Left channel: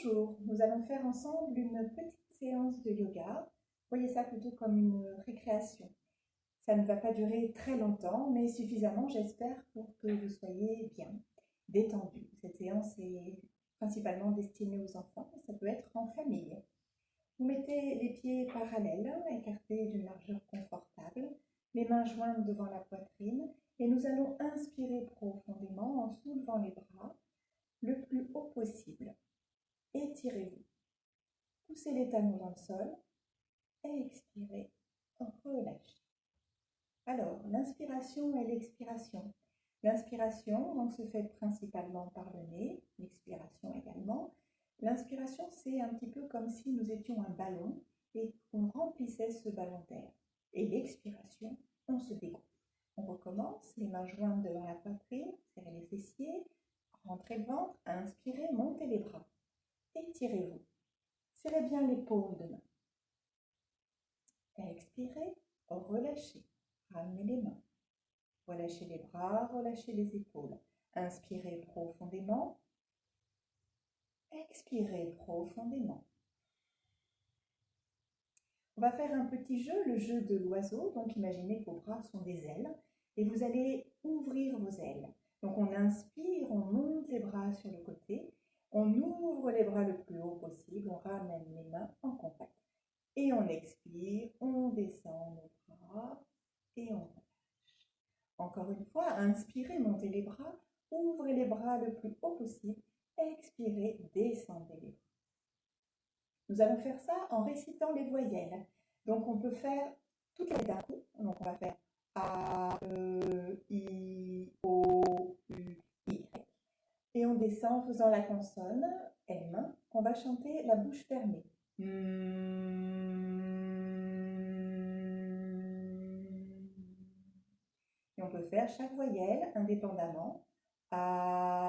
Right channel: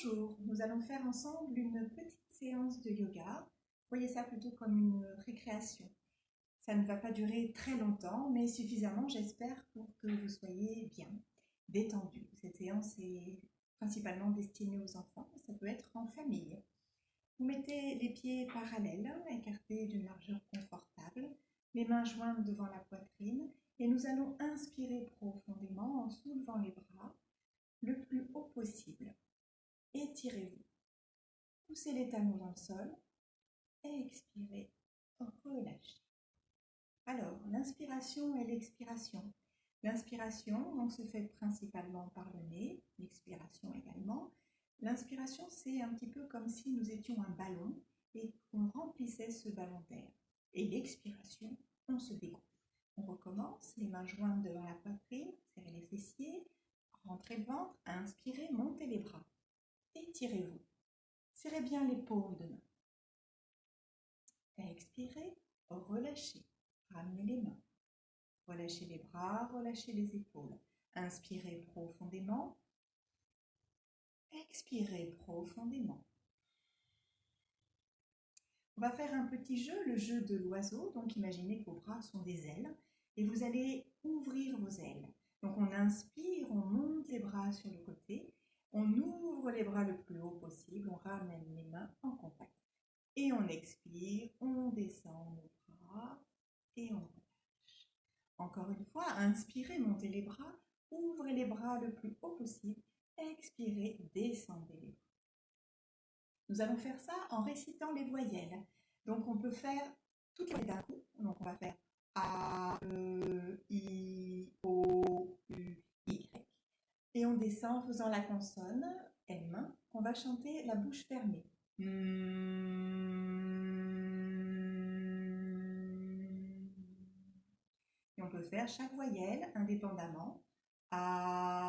Bonjour, nous allons faire ensemble une petite séance de yoga. Voyez ça plutôt comme une récréation. Ça ne va pas durer très longtemps, mais suffisamment, j'espère, pour que vous soyez bien détendu. Cette séance est principalement destinée aux enfants, ça peut être en famille. Vous mettez les pieds parallèles, écartés d'une largeur confortable, les mains jointes devant la poitrine, et nous allons inspirer profondément en soulevant les bras le plus haut possible. Étirez-vous. Poussez les talons dans le sol et expirez, relâchez. Alors, l'inspiration et l'expiration. L'inspiration donc, se fait principalement par le nez, l'expiration également. L'inspiration, c'est un petit peu comme si nous étions un ballon et qu'on remplissait ce ballon d'air. Et l'expiration, on se dégonfle. On recommence, les mains jointes devant la poitrine, serrez les fessiers, rentrez le ventre, inspirez, montez les bras. Étirez-vous. Serrez bien l'épaule de main. Expirez, relâchez. Ramenez les mains. Relâchez les bras, relâchez les épaules. Inspirez profondément. Expirez profondément. On va faire un petit jeu, le jeu de l'oiseau. Donc imaginez que vos bras sont des ailes et vous allez ouvrir vos ailes. Donc on inspire, on monte les bras sur le côté. On ouvre les bras le plus haut possible, on ramène les mains en contact. Et on expire, on descend nos bras et on relâche. Encore une fois, inspirez, montez les bras, ouvrez les bras le plus haut possible, expirez, descendez les bras. Nous allons faire ça en récitant les voyelles. Donc on peut faire toutes les d'un coup. Donc on va faire A, E, I, O, U, Y. Et on descend en faisant la consonne M. On va chanter la bouche fermée. Et on peut faire chaque voyelle indépendamment. A,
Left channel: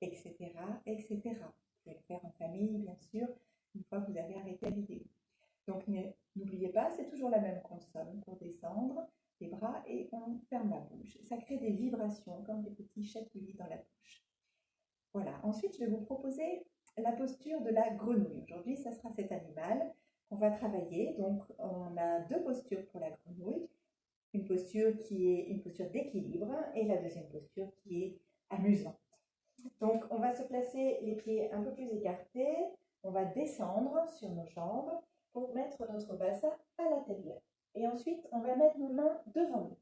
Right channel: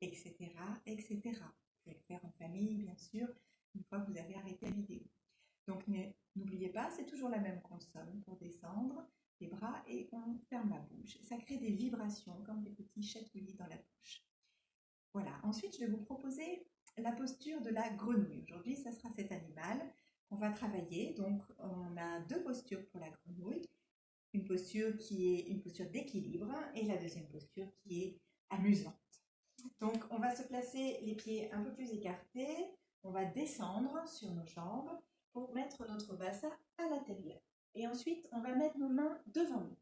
etc., etc. Vous pouvez le faire en famille, bien sûr, une fois que vous avez arrêté la vidéo. Donc n'oubliez pas, c'est toujours la même consonne pour descendre les bras et on ferme la bouche. Ça crée des vibrations comme des petits chatouillis dans la bouche. Voilà, ensuite je vais vous proposer la posture de la grenouille. Aujourd'hui, ça sera cet animal qu'on va travailler. Donc on a deux postures pour la grenouille. Une posture qui est une posture d'équilibre et la deuxième posture qui est amusante. Donc on va se placer les pieds un peu plus écartés. On va descendre sur nos jambes pour mettre notre bassin à l'intérieur. Et ensuite, on va mettre nos mains devant nous.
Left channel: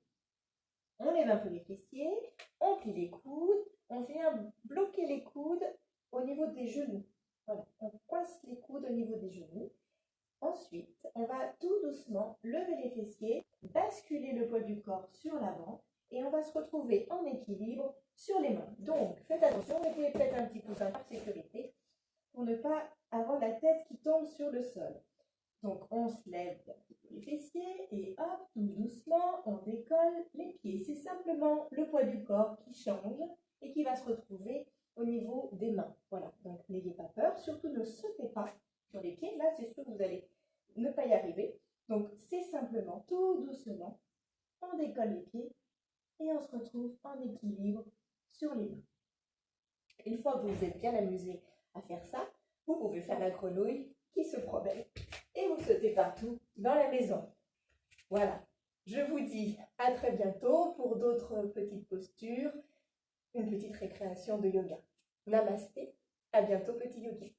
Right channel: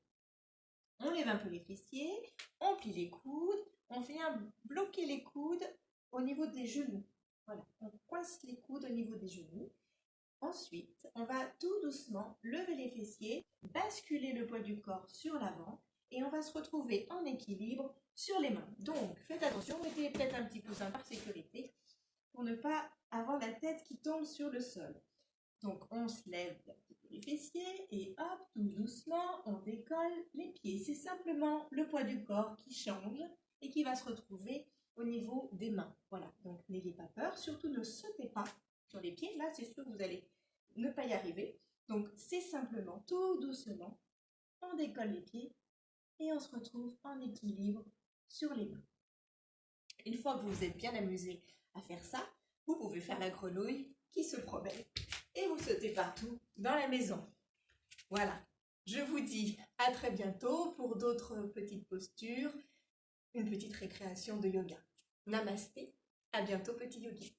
On lève un peu les fessiers, on plie les coudes, on vient bloquer les coudes au niveau des genoux. Voilà, on coince les coudes au niveau des genoux. Ensuite, on va tout doucement lever les fessiers, basculer le poids du corps sur l'avant et on va se retrouver en équilibre sur les mains. Donc, faites attention, mettez peut-être un petit coussin par sécurité pour ne pas avoir la tête qui tombe sur le sol. Donc, on se lève un petit peu les fessiers et hop, tout doucement, on décolle les pieds. C'est simplement le poids du corps qui change et qui va se retrouver au niveau des mains. Voilà, donc n'ayez pas peur, surtout ne sautez pas sur les pieds. Là, c'est sûr que vous allez ne pas y arriver. Donc, c'est simplement tout doucement, on décolle les pieds et on se retrouve en équilibre sur les mains. Une fois que vous vous êtes bien amusé à faire ça, vous pouvez faire la grenouille qui se promène et vous sautez partout dans la maison. Voilà, je vous dis à très bientôt pour d'autres petites postures, une petite récréation de yoga. Namasté, à bientôt petit yogi.